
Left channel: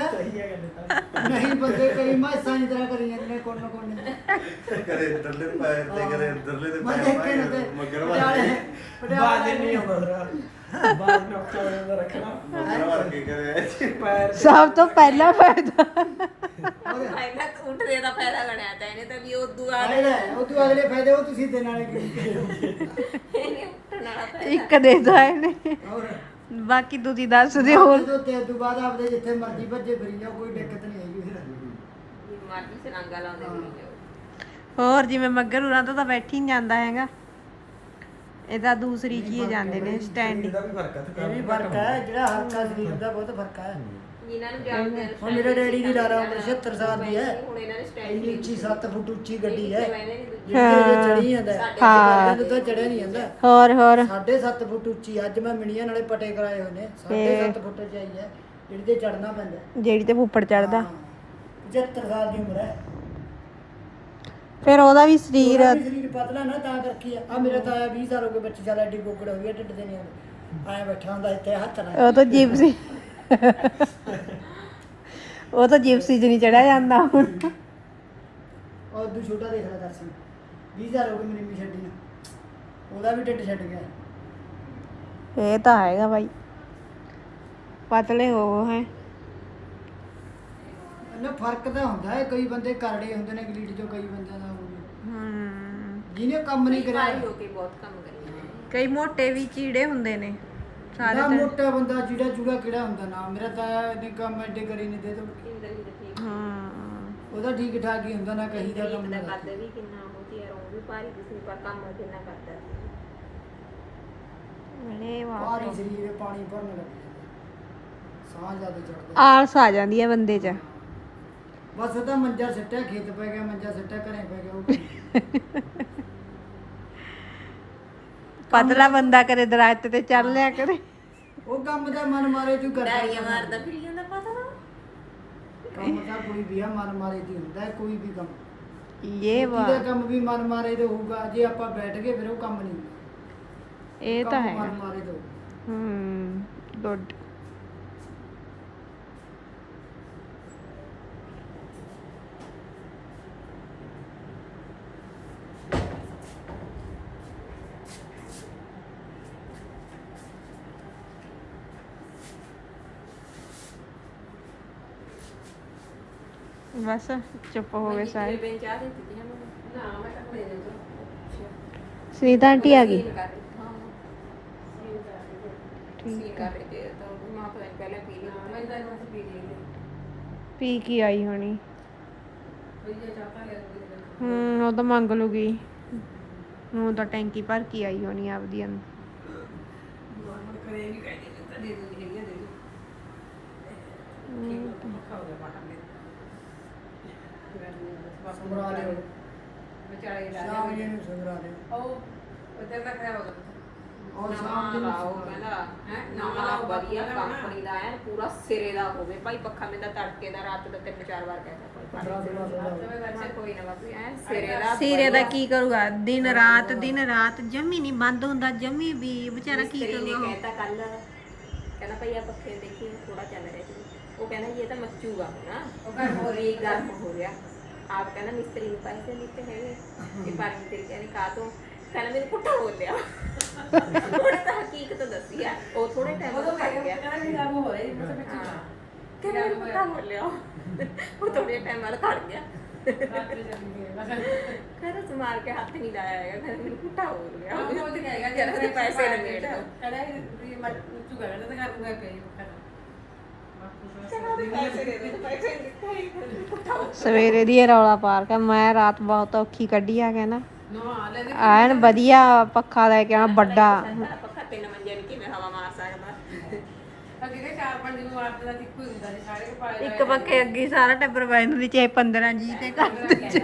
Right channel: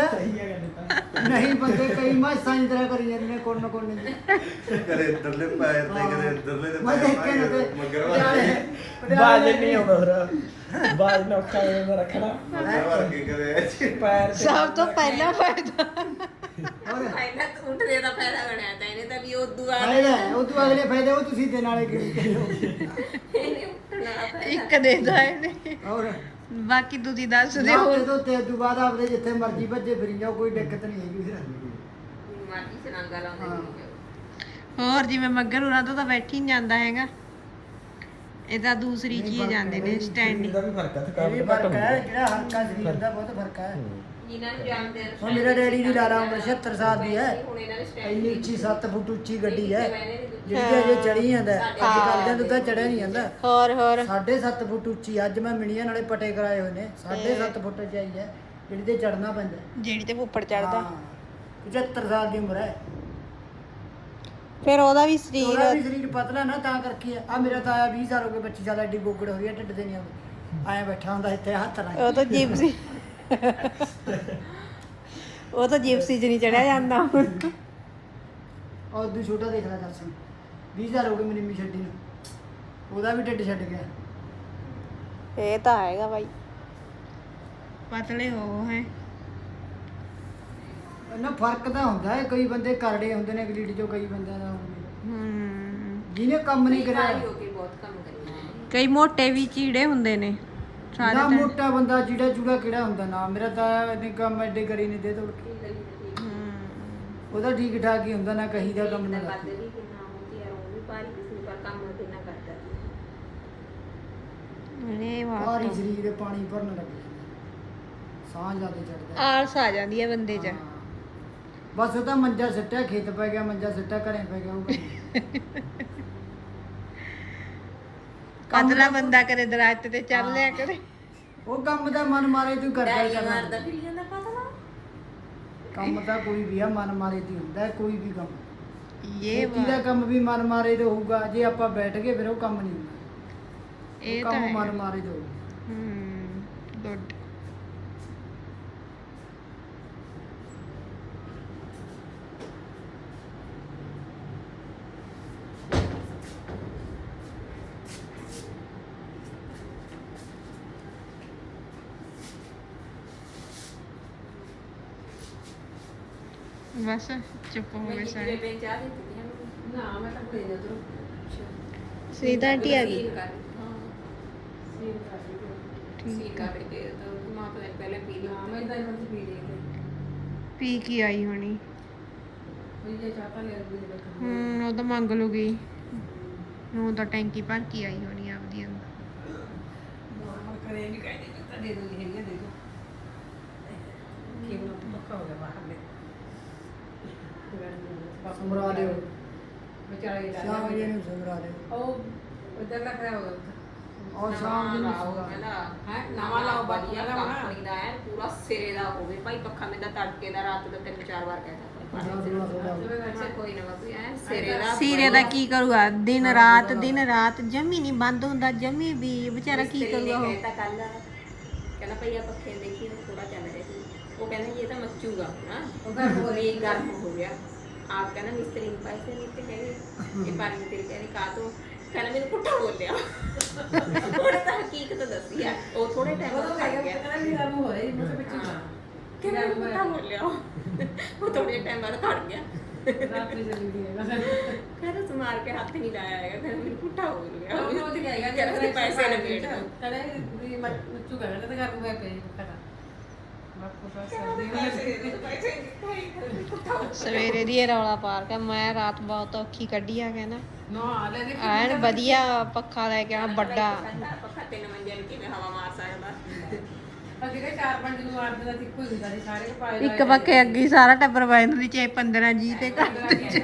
ਨਹੀਂ ਬੰਦੇ ਕਈ ਮਾਸਾਂ ਦੀ ਤਰ੍ਹਾਂ ਕਰੀ ਜਾਂਦੇ ਨੇ ਕੋਣ ਨਾ ਕੋਣ ਨੇ ਕਰੇ ਇੱਧਰਲੇ ਪੈਰ ਤੇ ਕਰੇ ਇੱਧਰਲੇ ਤੇ ਮੈਂ ਦੇਖੇ ਨਾ ਤੇ ਮਗਰ ਬਾਜ ਨਹੀਂ ਆਉਂਦਾ ਫਿਰ। ਬਾਜ ਨੇ ਔਖਾ ਲੱਗਦਾ ਰੱਖਣਾ। ਮਗਰ ਵਰਗੇ ਕਰੇ। ਪੈਰ ਸਭ ਤੋਂ ਪਹਿਲਾ ਫਾਇਦਾ। ਹੋਰ? ਇਹਨਾਂ ਉੱਠਦੇ ਦਾ ਫਾਇਦਾ ਬਣਾਇਆ ਤਾਂ ਇਹਨੇ ਤਾਂ ਵੀ ਉਹ ਦੁਆ ਫਾਇਦਾ ਉਹ ਤੋਂ ਅਗਲੇ ਫਾਇਦੇ ਉਹ ਤੁਸੀਂ ਦੇਣ ਵਾਲੇ ਕਿਹੜੀ? ਕਰੋ ਇੱਕ ਦੇ ਦੋ ਇਹਨੇ। ਹੋਰ? ਬਾਕੀ ਤੁਸੀਂ ਦੱਸ ਦਿਓ ਨਾ ਜਦੋਂ ਤੇ ਤੋਂ ਬਾਅਦ ਆਪਦੇ ਜਿੱਥੇ ਮਰਜ਼ੀ ਭੱਜੇ ਫਿਰੀ ਜਾਓ ਕੋਈ ਦਿੱਕਤ ਨਹੀਂ ਹੈਗੀ ਫਿਰ। ਮਾਟੀ ਚ ਨਾਂਗਾ ਲਾਉਂਦੇ ਨੇ ਹੋਰ ਜਿਵੇਂ ਮੱਗਰ ਉਰਾਂ ਤੋਂ ਤਾਂ ਬੈਠੀ ਨਹੀਂ ਜਾਂਦਾ ਹੈਗਾ। ਇਹਦਾ ਦੂਸਰੀ ਚੀਜ਼ ਜਾਂਦੇ ਨੇ ਹੈ ਇਹ ਵੀ ਫ਼ਰਕ ਹੈ ਜਿਹੜਾ ਹਲਕਾ ਸਰੀਰ ਦਾ ਬਹੁਤ ਫ਼ਰਕ ਹੈ। ਜਿਨ੍ਹਾਂ ਨੂੰ ਜਾਣਦੇ ਆ ਹੁਣ ਮੇਰਾ ਡੈਡੀ ਦੀ ਲਾਲਾ ਉਮਰ 76 ਸਾਲ ਦੀ ਹੈ। ਇੰਨੀ ਉੱਚੀ 7 ਫੁੱਟ ਉੱਚੀ ਗੱਡੀ ਹੈ। ਜਿਹੜੀ ਅਜੇ ਚੜੀ ਜਾਂਦਾ ਹੈ। ਤਾਂ ਚੜਿਆ ਨਹੀਂ ਜਾਂਦਾ। ਹੋਰ ਹੋਰ। 7.5 ਫੁੱਟ ਉੱਚੀ ਅੱਜ ਮੈਂ ਮਿਣੀਆਂ ਨਾਲੇ ਪਟੇ ਕਰਾਏ ਹੋਏ ਨੇ। 7.5 ਫੁੱਟ ਚਾਈ ਹੈ। ਜਿਹੜੀ ਤੇ ਚੜਨਾ ਪੈਂਦਾ। ਜਿਹੜੀ ਤੇ ਉੱਪਰ ਚੜਦਾ ਹਾਂ। 75 ਸਾਲ ਦੀ ਉਮਰ ਹੈ। ਫਿਰ ਉਹਦਾ ਵੀ ਸਰੀਰ ਉਹਦਾ ਵੀ ਸਰੀਰ ਪਤਲਾ ਨਾ ਤਾਂ ਕਰਕੇ ਆ। ਮੇਰਾ ਤਾਂ ਆਇਆ 20 ਸਾਲ ਹੋ ਗਏ 25 ਸਾਲ ਐਡੀ ਗੋਗੜ ਹੋਈ ਹੈ ਢਿੱਡ ਤੇ ਨਹੀਂ ਆਉਂਦਾ। ਆਇਆ ਬੈਠਾ ਹੁੰਦਾ ਇੱਥੇ ਹੱਥ ਨਾਲ। ਉਹ ਤਾਂ ਜਿਪਸੀ ਉਹ ਤਾਂ ਜਿਪਸੀ ਚ ਨਹੀਂ ਚੜਿਆ ਜਾਂਦਾ ਹੁਣ। ਉਹ ਦੂ ਛੋਟਾ ਦੇਖ ਲੈ ਦਰਸ਼ਨ। 20 ਸਾਲ ਹੋ ਗਏ ਮੇਰੀ ਮੀ ਛੱਡੀ ਨੂੰ। ਉਹਦਾ ਵੀ ਢਿੱਡ ਛੱਡ ਗਿਆ। ਇਹ ਤਾਂ ਹੈਗਾ ਬਾਈ। ਪਤਲੇ ਹੋ ਹੈ। ਨਾ ਫ਼ਰਕ ਤਾਂ ਹੁੰਦਾ ਹੈ ਕਈ ਬੰਦੇ ਕਰੜੇ ਹੁੰਦੇ ਨੇ ਗਲੀਡ ਚੋਂ ਕਈ ਬੰਦਿਆਂ ਦਾ ਹਮ ਜਿਹਨੇ ਕੰਮ ਨਹੀਂ ਕਰਿਆ। ਹੋ ਕੇ ਬਹੁਤ ਕੰਮ ਕਰੀ ਕਈ ਮੋਟੇ ਵੀ ਚੀੜੇ ਹੁੰਦੇ ਨੇ। ਸਾਰੇ ਨਾ ਤਾਂ ਮੋਟਾ ਬੰਦਾ ਜਿਹੜਾ ਚੂੜਾ ਕਿਹੜਾ ਹੁੰਦਾ ਨਾ ਮੇਰਾ ਤਾਂ ਨੇ ਕੰਮ ਐਡੇ ਕਰੀ ਨਹੀਂ ਦੇ ਕੇ ਹਮ ਉਹਦਾ ਠੀਕ ਠਾਕ ਹੀ। ਹੁੰਦਾ ਨਾ ਕਹੀ ਦਾ ਕੰਮ ਨਾ ਕਰਦੇ ਵੀ ਕਿੰਨਾ ਮੋਟੀ ਯਾਰ ਉਹ ਵੀ ਭਾਰੀ ਕਿਸੇ ਨੇ ਪਰ ਕੰਮ ਕਿੰਨਾ ਕਰਦਾ ਇਹ ਬਹੁਤ ਭਾਰੀ ਸਰੀਰ ਦੇ ਪਾਣੀ ਭਰਨ ਲੱਗ ਜਾਂਦਾ। ਸਾਹ ਜ਼ਿਆਦਾ ਚੜਦਾ। ਆਲਸ ਆ ਜਾਂਦੀ ਹੈ ਬੰਦੇ 'ਚ। ਬਸ ਉਹ ਤਾਂ ਮੰਜਾ ਸਿੱਟਿਆ ਖੇਤ ਪੈ ਗਿਆ ਮੰਜਾ ਸਿੱਟਿਆ ਘਰੇ ਪੈ ਗਿਆ ਉਹ ਪਤਲਾ ਬੰਦਾ ਕਰੇ ਦਰਖਤ ਤੇ ਚੜ ਲਿਆ ਕਰੇ। ਉਹ ਕੰਮ ਦਾ ਮਨ ਮਾਰੇ ਤੂੰ ਕਰਦਾ ਹੀ ਕਰਨਾ ਮਾਰਦਾ ਫਿਰ ਜਾਂਦਾ ਪਤਾ। ਕੰਮ ਤਾਂ ਕੋਈ ਵੀ ਆ ਮਨ ਮਾਰੇ ਦੀ ਹੁੰਦਾ ਹੈ ਕੋਈ ਵੀ ਕੰਮ। ਇਹ ਵਾ ਦਾ ਕੰਮ ਵੀ ਮਨ ਮਾਰੇ ਤੇ ਹੋਊਗਾ ਜੇ ਆਪਾਂ ਬੈਠ ਗਏ ਫਿਰ ਉਹ ਕੰਮ ਨਹੀਂ ਹੁੰਦਾ। ਇਹ ਤਾਂ ਕੰਮ ਹੈ। ਮਨ ਮਾਰੇ ਹੋਊਗਾ। ਹਮ ਗੁੱਡ। ਬਸ ਚੁੱਪ ਹੋ ਗਏ ਸਾਰੇ ਬੇਨ ਚਾਹ ਦਿੱਤੀ ਨਾ ਮੈਂ ਤਾਂ ਦੇ ਦੋ ਸੁਨੀਤਾ ਆਂਟੀ ਆ ਗਈ ਸੀਨ ਕਰ ਰਹੀ ਹਾਂ ਸੀਨ ਕਰ ਰਹੀ ਤੇ ਤਾਂ ਮਾਂ ਪਤਾ ਨਹੀਂ ਪਹਿਲਾਂ ਪੀ ਲਈ ਮੈਂ ਤਾਂ ਇਹਨਾਂ ਪੀ ਲਈ ਪੀ ਕੀ ਆਈ ਹੋਣੀ ਕੋਈ ਜੇ ਚਾਹਤਾ ਲੈ ਰਹੀ ਹੈ ਹੂੰ ਉਹ ਤਾਂ ਮੰਗ ਲੂਗੀ ਨੂੰ ਤਾਂ ਟੈਂਕੀ ਭਰ ਕੇ ਆਈ ਹੋਣੀ ਆਪਦੀ ਅੰਦਰ ਨੋਰਮਲ ਕਰੇ ਵੀ ਕਹਿੰਦੇ ਤਾਂ ਦੇ ਦੋ ਹੈਗੀਆਂ ਦੇ ਦੋ ਕੀ ਉਹ ਪੱਕਾ ਹੋ ਗਿਆ ਬਾਹਰ ਦੇ ਬਸ ਸਮਰਾ ਦਿਓ। ਵਿਚਾਰੇ ਸ਼ਾਮ ਜੀ ਨੂੰ ਸਮਰਾ ਦਿਓ। ਉਹ ਉਧਰ ਦਾ ਖਰਾਬ ਹੋ ਗਿਆ ਔਰ ਸ਼ਾਮ ਜੀ ਨੂੰ ਲਾਓ ਸਮਰਾ ਦਿਓ। ਕਹਿੰਦਾ ਹੈਂ? ਨਵਾਂ ਲਾਓ ਵਧੀਆ ਵਧੀਆ ਲਾਉਣਾ। ਕੰਪਨੀ ਦਾ ਹੈ ਪੂਰਾ ਸਿਰੇ ਦਾ ਹੋਵੇ। ਭਾਈ ਪੱਖਾ ਮੈਂ ਤਾਂ ਤੜਕੇ ਦਾ ਰਾਤ ਦਾ ਤਿੰਨ ਚਾਰ ਵਾਰ ਕਹਿੰਦਾ ਕੋਈ ਨਾ ਬਾਪੂ ਐ ਸਿਰੇ ਦਾ ਸੀਰੇ ਦਾ ਕੀ ਕਰੂਗਾ? ਦਿਨ ਰਾਤ ਦਿਨ ਰਾਤ ਜੰਮੀ ਨਹੀਂ ਬੰਦ ਹੁੰਦਾ ਜੰਮੀ ਵੀ ਵਿਚਾਰਾ ਕੀ ਕਰੂਗਾ ਉਹ? ਕਹਿੰਦਾ ਭਈ ਆ ਪੱਖੇ ਦੇਖੀ ਥੋੜਾ ਚੱਲ ਰਿਹਾ ਸੀ ਉਹ ਕਹਿੰਦਾ ਇਹ ਤਾਂ ਮੱਚੂਗਾ ਨਾ ਉਹ ਗਰਮ ਹੋ ਰਹੀ ਗਰਮ ਹੋ ਰਿਹਾ ਆਪ ਕਹਿੰਦਾ ਮਿਸਤਰੀ ਨੂੰ ਪੈਸੇ ਨਹੀਂ ਤੇ ਹੈਗੇ ਇਹ ਪਰ ਮਿਸਤਰੀ ਕਹਿੰਦੀ ਕਾ ਤੋਂ? ਕਹਿੰਦਾ ਮੈਨੂੰ ਪੁੱਠਾ ਬੋਲਿਆ। ਉਹਨੇ ਤਾਂ ਹਕੀਕਤ ਦੱਸੀ ਆ। ਉਹ ਥੋੜੇ ਟਾਈਮ ਬਾਅਦ ਖੜ ਗਿਆ। ਕਹਿੰਦਾ ਮੈਨੂੰ ਪੁੱਠਾ ਬੋਲਿਆ ਉਹ। ਥੋੜੇ ਟਾਈਮ ਬਾਅਦ ਖੜ ਗਿਆ। ਕਹਿੰਦਾ ਸਮਾਰ ਕੇ ਹੱਥ ਨਹੀਂ ਲਾਇਆ ਹੈਗਾ। ਕਹਿੰਦਾ ਮੈਨੂੰ ਪੁੱਠਾ ਬੋਲ ਗਿਆ ਕਹਿੰਦਾ ਪੈਸੇ ਲੰਗੇੜ ਦੋ। ਕਹਿੰਦਾ ਵੀ ਮੈਂ ਤੂੰ ਕਹਿੰਦਾ ਤੇ ਨੂੰ ਗਏ ਪਏ ਸਵੇਰੇ ਦੀ ਇਹ ਰੌਲਾ ਪਾਰ ਕੇ ਮੈਂ ਰਾਤ ਬਹੁਤ ਔਖੀ ਕੱਢੀ ਆ ਕਹਿੰਦਾ ਨਾ। ਐਨ ਵਧੀਆ ਪੱਖਾ ਲੈ ਕੇ ਆ ਵੱਡਾ। ਪੱਖਾ ਤਿੰਨ ਮੰਜੇ ਨੂੰ ਕਿਵੇਂ ਹਵਾ ਮਾਰ ਸਕਦਾ ਅਗੇ ਚਾਰ ਪੰਜ ਨੂੰ ਆਪ ਦਾ ਇੱਕੋ ਹੀ ਹੁੰਦਾ ਸੀ ਸਾਰੇ ਪਾਏ ਇੱਕ ਪੱਖੇ ਅੱਗੇ ਸਾਰਾ ਟੱਬਰ ਬੈਨ ਦੀ ਚਾਹੇ 15 ਜੀ ਤੇ ਘਰ ਇੱਕ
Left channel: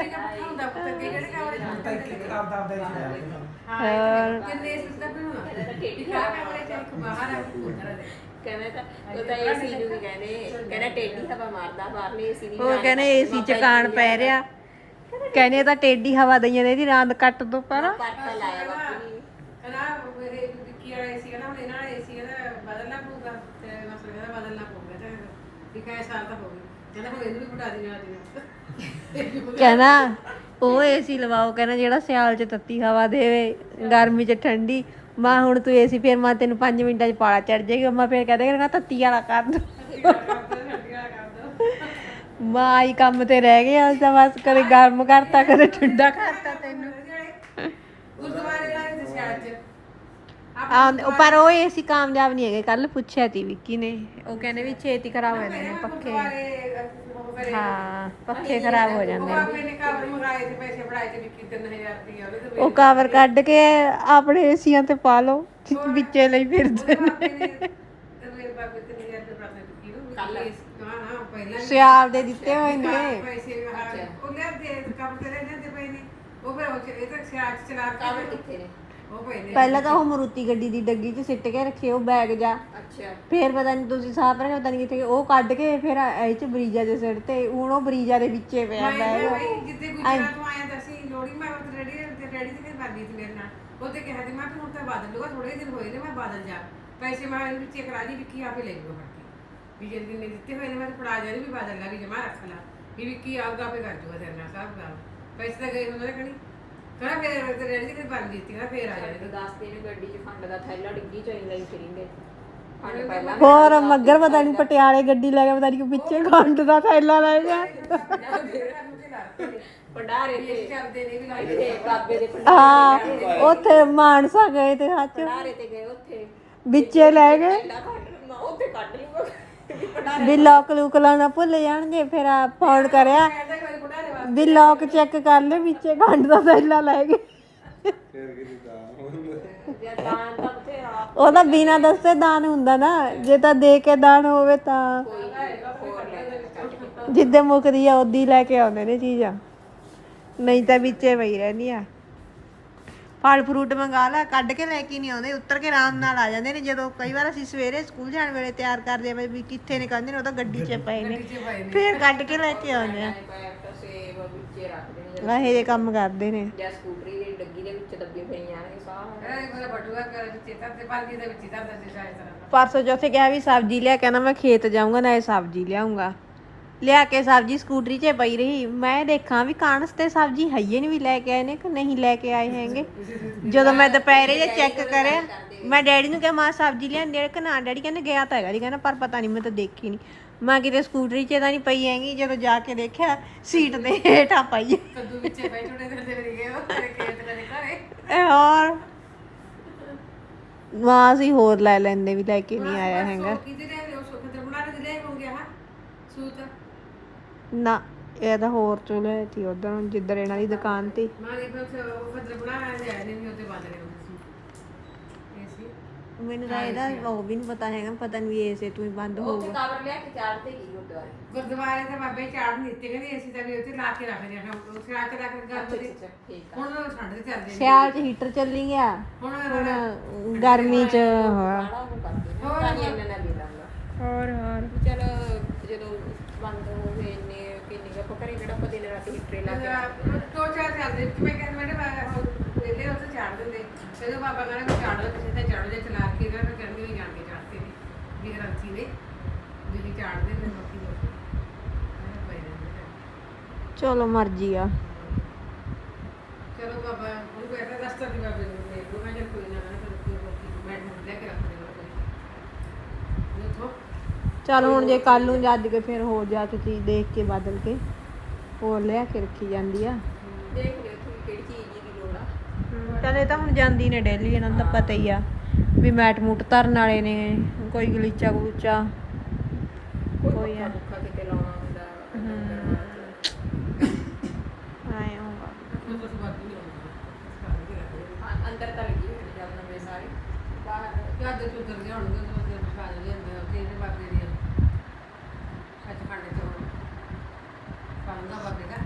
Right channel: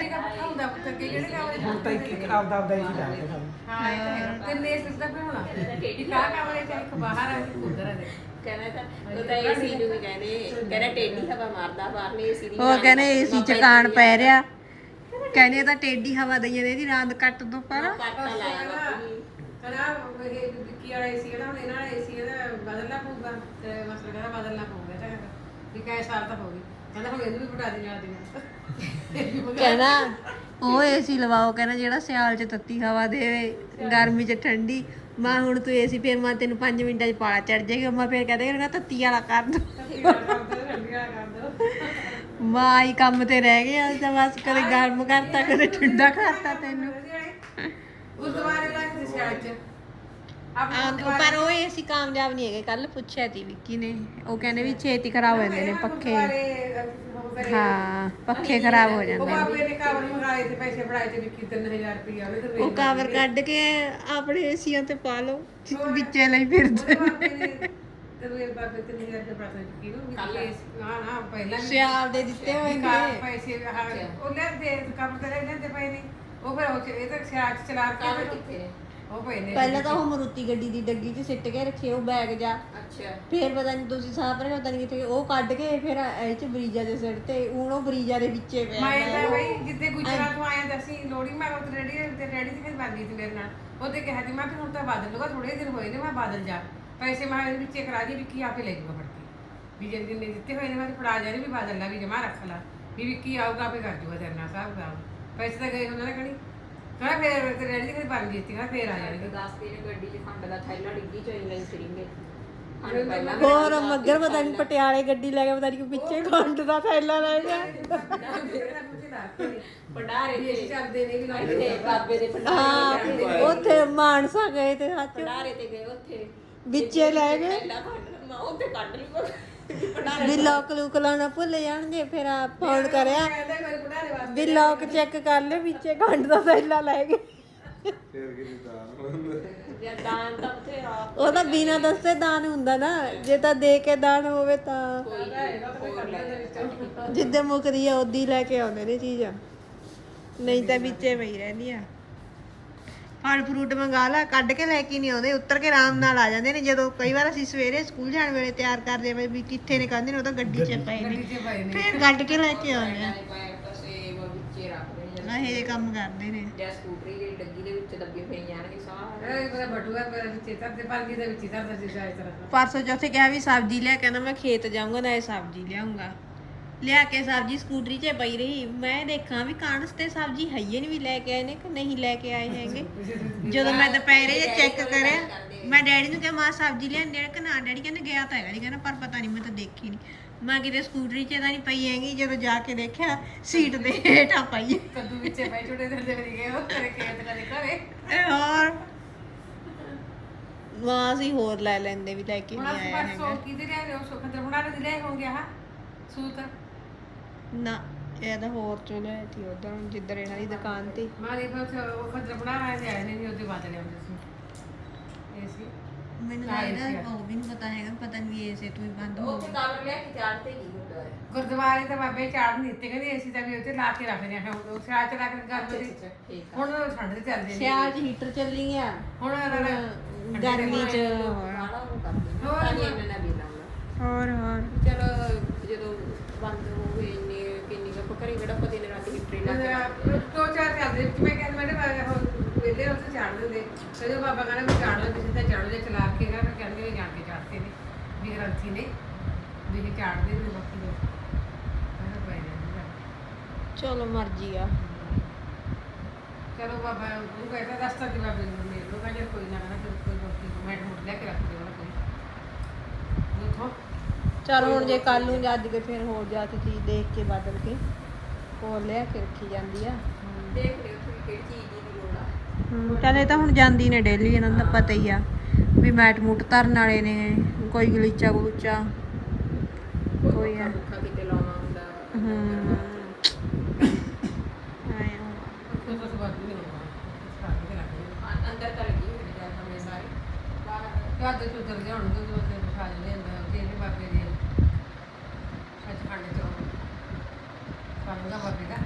ਦਾ ਪੱਖਾ ਹੁੰਦਾ ਪੁੱਤ ਅੱਗੇ ਜਿਹੜੇ ਕਮਰੇ ਚ ਤਾਂ ਇੱਕ ਆਪਦਾ ਆਪਦਾ ਹੀ ਲੈ ਕੇ ਸਾਨੂੰ ਹਾਂ ਇਹ ਤਾਂ ਹੈ। ਕਿੰਨੇ ਸਿੱਧਾ ਪਿਆ ਹੋਣਾ? ਇੱਕ ਆ ਕਮਰੇ ਚ ਇੱਕ ਬਾਹਰ ਆ ਉਧਰ ਦੇ ਕਹਿੰਦੇ ਤਾਂ ਉਹ ਤਾਂ ਏਸੀ ਨੂੰ ਵੀ ਕਹਿੰਦੇ ਕਹਿੰਦਾ ਟੇਢੀ ਹਵਾ ਮਾਰਦਾ ਬਾਹਰਲੇ ਏਸੀ ਦੀ ਉਹ ਕਹਿੰਦੇ ਏਸੀ ਚ ਕਾਣ ਪੈ ਰਿਹਾ। ਕਹਿੰਦੇ ਤਾਂ ਟੇਢੀ ਹਵਾ ਦਈਆਂ ਨੇ ਇਹਦੀ ਰਾਂਦ ਕੱਟ ਦੋ ਪਰ। ਪੱਤਾ ਲਾਇਆ ਬਾਪੂ ਜੀ। ਕਹਿੰਦਾ ਇਹ ਕੀ ਵਾਲਾ ਏਸੀ ਕਹਿੰਦਾ ਹੁਣ ਇਹਨਾਂ ਦਾ ਏਸੀ ਇਹਦਾ ਬਦਲਣਾ ਪਊਗਾ। ਤੇ ਮਸਲ ਕਹਿੰਦਾ ਬਦਲਣਾ ਪਊਗਾ ਚਾਹੇ ਵੀ ਕਈ ਸਾਲ ਤਾਂ ਹੋ ਗਈ ਕਹਿੰਦਾ ਹੁਣ ਇਹਨੂੰ ਵੀ ਪਟਾ ਦੇਣਾ ਦੇਣਾ ਕਹਿੰਦਾ ਉਹ ਏਸੀ ਲਵਾਓ ਕਹਿੰਦਾ ਜਿਹੜਾ ਸਿਆਲ ਚ ਤੱਤੀ ਹਵਾ ਦੇਵੇ ਗਰਮੀ ਚ ਠੰਡੀ ਮਾਂ ਹੁਣ ਤੂੰ ਏਸੀ ਫੇਰ ਮੈਂ ਤੈਨੂੰ 5 ਮਿੰਟਾਂ ਚ ਪਾਲਾ ਚੜ ਜਾਏਗਾ। ਮੈਂ ਫੇਰ ਕਹਦੇ ਕਹਿੰਦਾ ਤੱਤੀ ਵਾਲਾ ਕਰ ਦੋ। ਮਾਂ ਆਈ ਕੰਮ ਤੇ ਰਹਿ ਗਿਆ ਤਾਂ ਬਸ ਕਦੇ ਗਰਮ ਕਰਤਾ ਕਦੇ ਠੰਡਾ ਕਰਤਾ ਤੈਨੂੰ। ਗੁਰਦੁਆਰੇ ਦਾ ਕਿਸੇ ਸਿਆਲ ਚ ਆ ਪਰ ਉਹ ਏਸੀ ਕਾਮਯਾਬ ਨਹੀਂ ਹੈਗੇ ਕੱਲ ਪੁੱਛਿਆ ਤੀ ਵਿੱਕੀ ਨੇ। ਉਹ ਕਹਿੰਦੇ ਵੀ ਛੇਤੀ ਖਰਾਬ ਹੋ ਜਾਂਦੇ ਨੇ ਪੱਖੇ। ਹਾਂ ਪੱਖੇ ਖਰਾਬ ਹੋ ਉਹ ਜਾਂਦੇ ਨੇ। ਬਾਪੇ ਨੇ ਕਵਰ ਮੰਗਾਏ ਤੇ ਪੈਸੇ ਫੜਾਏ ਤੇ ਵਿੱਕੀ 3000 ਰੁਪਏ ਉਹਦੇ ਤੇ ਉਹ ਕਵਰ ਕੱਢ ਕੇ ਆਪਣੇ ਏਸੀਆਂ ਤੇ ਪਾ ਲਓ ਵਿੱਚੇ ਲਈ ਫਿਰਦੇ ਨੇ। ਬਾਪੇ ਨੇ ਤੇ ਮੇਰੇ ਬਾਪੇ 3000 ਰੁਪਏ ਫੜਾ ਦਿੱਤੀ ਨੂੰ ਹਾਂ ਹਾਂ ਪਹਿਲਾਂ ਵੀ ਸਿਆਲ ਦੇ ਦਿੱਤੇ ਹੋਏ ਨੇ। ਪੈਸੇ ਹਾਂ ਉਹ ਲੈ ਦੇ ਕੰਮ ਕਰੇ ਲੈਂਦੇ ਪਏ ਨੇ। ਉਹ ਫਿਰ ਉਹ ਚ- ਇਹ ਤਾਂ ਸਿਆਲ ਚ ਚਲਾ ਕੇ ਫਿਰ ਉਹ। ਪਏ ਨੇ ਪਹਿਲਾਂ ਤਾਂ ਉਹ ਮਰੂਤੀ ਗੱਡੀ ਦੀ ਡੱਗੀ 'ਚ ਸਿੱਟ ਕੇ ਰੱਖੇ ਉਹ ਬੈਗ ਜਾ। ਅੱਛਾ। ਫੇਰ ਪਤਾ ਨਹੀਂ ਤੁਸੀਂ ਸਾਫ਼ ਰਹੇ ਪਤਾ ਨਹੀਂ ਕਿੱਥੇ ਉਹ ਕੱਢ ਕੇ ਫਿਰ ਇਹ ਚ ਬਰੀਜਾ ਦੇ ਸਿਰ ਤੇ ਹੁਣ ਉਹ ਬਰੀਜਾ ਦੇ ਵਿੱਚੇ ਪਿਆ ਮੈਂ ਤਾਂ ਹੈ। ਬਈ ਜਿੱਦੇ ਗੁਜਰਾਤ ਤੋਂ ਆਇਆ ਤਾਂ ਅਸੀਂ ਲੋੜੀ ਮੈਂ ਉਹ ਰੈਡੀ ਤੇ ਰੈਡੀ ਤੇ ਫਿਰ ਬਾਗੀ ਤੇ ਮੇਰੇ ਨਾਲ। ਉਹਦੇ ਕਿਹਾ ਸੀ ਮੈਂ ਹੁਣ ਤਾਂ ਬਾਦਲ ਲੂਗਾ ਥੋੜੇ ਦਿਨ ਹੋਏ ਨੇ ਮੈਂ ਬਾਦਲ ਜਾ। ਪੈਸੇ ਮੈਂ ਇਹਦੇ ਵਿੱਚ ਕਰਾ ਦੀ ਵਿੱਕੀ ਆਪੇ ਲੈ ਜੂਗਾ ਫੜ ਕੇ। ਵੀ ਜਿੰਨ ਦਿਨ ਦਿੱਤੇ ਹੋਏ ਨੇ ਮੈਂ ਤਾਂ ਫੜਾ ਜਾਣੀ ਵੀ ਬਾਦਲ ਲਾ ਵੀ ਜਮਾ ਰੱਖ ਲਾ। ਵੀ ਵਿੱਕੀ ਆਊਗਾ ਆਪੇ ਕਰ ਜੂਗਾ ਤੇਰੇ ਨਾਲ ਸਾਹਿਬ ਦਾ ਪੈਸੇ ਤਾਂ ਗਏ ਹੁੰਦੇ ਨਾ ਕਣੀ। ਕਹਿੰਦਾ ਫੇਰ ਤੇ ਰੈਡੀ ਤੇ ਬਣ ਦਿੱਤੀ ਨਾ ਫੇਰ ਆ ਜਾਣਗੇ ਦੱਸਦੇ ਨੇ ਗੱਡੀ 'ਚ ਖੰਡ ਦਾ ਥੈਲਾ ਡਿੱਗੀ ਚ ਲਈ ਫਿਰਿੰਗੇ ਖੰਡ ਪਹਿਲਾਂ ਹੋਰ ਮੱਗਰ ਪਤਾ ਨਹੀਂ ਪਟਿਆਲੇ ਗੱਡੀ ਲੈ ਕੇ ਪਤਾ ਨਹੀਂ ਪਿੱਛੇ ਖੰਡ ਦਾ ਥੈਲਾ ਲੈ ਗਿਆ। ਭੰਡਾਰੇ ਅਸੀਂ ਤੇ ਚੱਲਦੇ ਨੇ ਵੀ ਲਾਈ ਇੱਥੇ ਬਾਬੇ ਦੇ ਹਾਂ ਭੰਡਾਰੇ ਉੱਥੇ ਮਾਨਸਾ ਗਏ ਤੇ ਗਏ ਉੱਥੇ। ਵਿੱਚੇ ਲੈ ਗਏ। ਥੈਲਾ ਖੰਡ ਮੈਂ ਉੱਥੇ ਕੱਢ ਲੂਗਾ ਵੀ ਲੋਕ ਲੂਕ ਲਾਉਣਾ ਭੁੱਲ ਜਾਣਗੇ ਫਿਰ ਆ ਫੋਨ ਕਰਿਆ। ਕਹਿੰਦਾ ਕੋਈ ਵੀ ਲੋਕ ਚੈੱਕ ਕਰ ਲੈ ਵਿੱਚੇ ਖੰਡ ਦਾ ਥੈਲਾ ਲੈ ਗਏ। ਫੇਰ ਕਿਤੇ ਤਾਂ ਜਾਂ ਦਾਨ ਤਾਂ ਬਥੇਰਾ ਉਹਦਾ ਬਿਨਾ ਦੱਸੇ ਦਾਨ ਹੁੰਦਾ ਨਾ ਜੇ ਤਾਂ ਦੇ ਕੇ ਦਾਨ ਹੋਵੇ ਤਾਂ। ਕੋਈ ਹੋਰ ਲੈ ਜਿੱਦੇ ਮੁੱਕਦੀ ਆ ਉਦੀ ਲੈ ਕੇ ਆਉਂਦੇ ਨੇ ਚੀਜ਼ਾਂ। ਨਹੀਂ ਤਾਂ ਵਿੱਚੇ ਪਈ ਰਹਿੰਦੀਆਂ ਫਲ ਫਰੂਟ ਮੰਗਾ ਲਾ ਕੱਢ ਕੇ ਲੈ ਕੇ ਨਹੀਂ ਆਉਂਦੇ ਉੱਤਰ ਕੇ ਆਰਾਮ ਨਾਲ ਆ ਜਾਂਦੇ ਨੇ। ਜਦੋਂ ਕਈ ਵਾਰ ਅਸੀਂ ਸਵੇਰੇ ਸਕੂਲ ਜਾਣ ਵੇਲੇ ਤਿਆਰ ਕਰਦੇ ਆ ਵੀ ਕਿੱਥੇ ਨੇ ਕਹਿੰਦੇ ਨੇ ਉਹ ਤਾਂ ਗੱਡੀ 'ਚ ਪਏ ਨੇ। ਫੇਰ ਕੱਢ ਕੇ ਲੈ ਕੇ ਆਉਂਦੇ ਆ। ਆਹ ਇਹ ਕੰਮ ਕਰਦੇ ਨੇ। ਜਾਂ ਸਕੂਟਰੀ ਵਿੱਚ ਦੱਬੇ ਪਈ ਜਾਣਗੇ ਸਾਰੇ। ਇਹ ਬੜਾ ਬਟੂਆ ਕਰ ਵਿੱਚ ਤੇ ਪਾਣੀ ਦੇ ਵਿੱਚ ਹੀ ਤਰਦਾ ਸੀ ਸ਼ਾਇਦ ਤਰ੍ਹਾਂ ਪਰਸੋਂ ਚੌਥੇ ਕਿਹਾ ਵੀ ਸਬਜ਼ੀ ਲਿਆ ਕਹਿੰਦਾ ਮੈਂ ਖੇਤ ਜਾਊਂਗਾ ਨਾਲੇ ਸਬਜ਼ੀ ਲਿਆਉਂਗਾ ਲਿਆ ਕੇ ਸਬਜ਼ੀ ਸਕੂਟਰੀ 'ਚ ਪਈ ਰਹੀ। ਮੈਂ ਦੇਖਾਂ ਵੀ ਕਾਂਸ ਤੇ ਸਬਜ਼ੀ ਹਈਏ ਨਹੀਂ ਵੀ ਲੈ ਕੇ ਆਏ ਨੇ ਕਿ ਨਹੀਂ ਲੈ ਕੇ ਆਏ ਹੈਗੇ। ਜਦੋਂ ਮੈਂ ਦੁਪਹਿਰੇ ਇਹ ਚੈੱਕ ਕਰਿਆ ਮੈਂ ਡੈਡੀ ਨੂੰ ਕਿਹਾ ਮਾਂ ਸਬਜ਼ੀ ਲਿਆਂਦੀ ਹੈ ਕਿ ਨਾ? ਡੈਡੀ ਕਹਿੰਦੇ ਗਿਆ ਤਾਂ ਹੈਗਾ ਜੀ ਕਹਿੰਦਾ ਪਰ ਪਤਾ ਨਹੀਂ ਮੈਂ ਤਾਂ ਦੇਖੀ ਨਹੀਂ ਮੈਂ ਕਿਤੇ ਸਕੂਟਰੀ 'ਚ ਤਾਂ ਨਹੀਂ ਪਈ ਹੈਗੀ ਜਦੋਂ ਜਾ ਕੇ ਦੇਖਿਆ ਸੀਟ ਦੇ ਹੇਠਾਂ ਪਈ ਕੱਦੂ ਵਿੱਚੇ ਬੈ ਛੋਟੇ ਦੇ ਵੀ ਗਏ ਉਹ ਤੇਰੇ ਖੇਤ ਕਦੇ ਘਰੇ। ਇਹ ਹੋਰ। ਮਾਂ ਅਸੀਂ ਹੋਰ ਲੈ ਲੈਂਦੇ ਵੀ ਲੈ ਕੇ ਨਹੀਂ ਆਇਆ ਹੈਗਾ। ਸੋ ਕਿਤੇ ਲੈ ਉਹ ਸੁੱਖ ਤੇ ਬਣਾ ਕੇ ਲੈ ਹੋਣਗੇ ਹਾਂ ਸੂਤ। ਨਾ ਇਹ ਤਾਂ ਹੋਰ ਚਲੇ ਸੀ ਉਧਰ ਜਿੱਧਰ ਇਹਨਾਂ ਦੀ ਦੁਕਾਨ ਤੇ ਮਾਰੀ ਬਸ ਉਹ ਖਦਰ ਬਣਾ ਰਹੇ ਨੇ ਨਹੀਂ ਉਹਦੇ ਬਾਅਦ ਲਿਆਉਂਦੇ ਸੀ। ਇਹ ਸੀ। ਮੈਨੂੰ ਤਾਂ ਇਹਦਾ ਉਹ ਵੀ ਨਹੀਂ ਪਤਾ ਹੈਗਾ ਪਤਾ ਨਹੀਂ ਵੀ ਏਸੇ ਤੋਂ ਹੀ ਬੰਦ ਹੋ ਉੱਥੇ ਲਿਆ ਕੇ ਕੀ ਗੁਰਦੁਆਰੇ ਗੁਰਦੁਆਰੇ ਤਾਂ ਬਾਬੇ ਚਾੜ ਨਹੀਂ ਦਿੱਤੇ ਕਹਿੰਦੇ ਅਸੀਂ ਤਾਂ ਵੀ ਉੱਥੇ ਲਾ ਕੇ ਰੱਖਦੇ ਹਾਂ ਉਹ ਸਿਆਲ ਚ ਰੱਖ ਕੇ ਗੱਲ ਦੇ ਠੀਕ ਹੁਣ ਠੰਡ ਦੇ ਚੱਲਦੇ ਨੇ। ਸਿਆਲ 'ਚ ਹੀਟਰ ਚੱਲੀ ਗਿਆ ਹੁਣ ਗਰਮੀ 'ਚ ਹਾਂ ਆ ਉਹ ਕਰਦੇ ਨੇ ਤਾਂ ਹੀ। ਇਹਨਾਂ ਨੇ ਵੀ ਲਾਉਂਦਾ ਹੋਰ ਹੋਰ। ਚਲ ਜਦੋਂ ਬੰਦ ਹੋਵੇ ਇੰਨੇ ਕਿੰਨੀ ਕੁ ਆਪਾਂ ਘਰੇ ਕਿਹੜਾ ਆਪਾਂ ਦਿਨ ਰਾਤ ਹੀਟਰੇ ਲਾ ਕੇ ਰੱਖਦੇ ਦੋ ਚਾਰ ਚੱਲਦੇ। ਮੈਂ ਕਹਿੰਦਾ ਮੈਨੇ ਪਹਿਲੇ ਉੱਥੇ ਦਿੰਦੇ ਜਦੋਂ ਬਾਬਾ ਕਹਿੰਦਾ ਮੈਂ ਚਾੜ ਲਓ ਕਿਸੇ ਤੇ ਚੜ ਜਾ ਚਲਾ ਕੇ ਗਿਆ ਫਿਰ ਕਹਿੰਦੇ ਨੇ ਜਾਣ ਕੇ ਚਾੜਤੇ ਨੇ। ਵੀ ਗ੍ਰੰਥੀ ਨੇ ਵੀ ਇਹ ਚਾੜਦੇ ਨੇ ਬਾਕੀ ਲੋਕ। ਮੈਂ ਕਿਹਾ ਪਏ ਰਹਿੰਦੇ ਨੇ। ਚਲੋ ਮਰਜ਼ੀ ਆ। ਚਲੋ ਬਾਬਾ ਉਹ ਕਹਿੰਦਾ ਰਸਤਾ ਦੀ ਬਾਬੇ ਨੂੰ ਮੇਰੇ ਕੋਲ ਕਹਿੰਦੇ ਕੋਈ ਨਾ ਨਾ ਫਿਰ ਕੋਈ ਰੋਟੀ ਮੈਂ ਮੁੰਡ ਲੈ ਕੇ ਰੱਖ ਦੇਵਾਂ ਕੋਈ। ਦੇਖੋ ਚਲ ਹੁਣ ਜੇ ਕੱਲ ਨੂੰ ਜੱਜ ਕੇ ਫਿਰ ਹੋ ਜਾ ਤੇ ਚੀਜ਼ ਦੇਖ ਕੇ ਬਦਲ ਕੇ ਹੋਰ ਲਿਆ ਕੇ ਰੱਖੀ ਜਾਂਦੀ ਆ। ਦੇਖ ਲਿਓ ਤੁਸੀਂ ਕਿਹੜੀ ਚੀਜ਼ ਦੀ ਆ ਚੱਲ ਇਹ ਤਾਂ ਹੁਣ ਜਾਂਦੀ ਨੇ ਡੇਲੀ ਇਹਨਾਂ ਦਾ ਪਤਾ ਹੀ ਆ ਵੀ ਮੈਟ ਮੂਟ ਧਰਨ ਵਾਲੇ ਨੇ ਕੋਈ ਗਲੀਚਾ ਗੁੱਚਾ ਕੋਈ ਆ ਭੁੱਖਾ ਕਿਤੇ ਲਾਉਣਾ ਗਿਆ ਹੁਣ ਤੇ ਉਸਦੇ ਖਾ ਲੈਂਦਾ ਉੱਥੇ ਇਹਦੇ ਬਾਬੇ ਦੇ। ਸੱਚਖੰਡ ਚੋਂ ਪਾਉਂਗਾ ਬਾਬੇ ਦਾ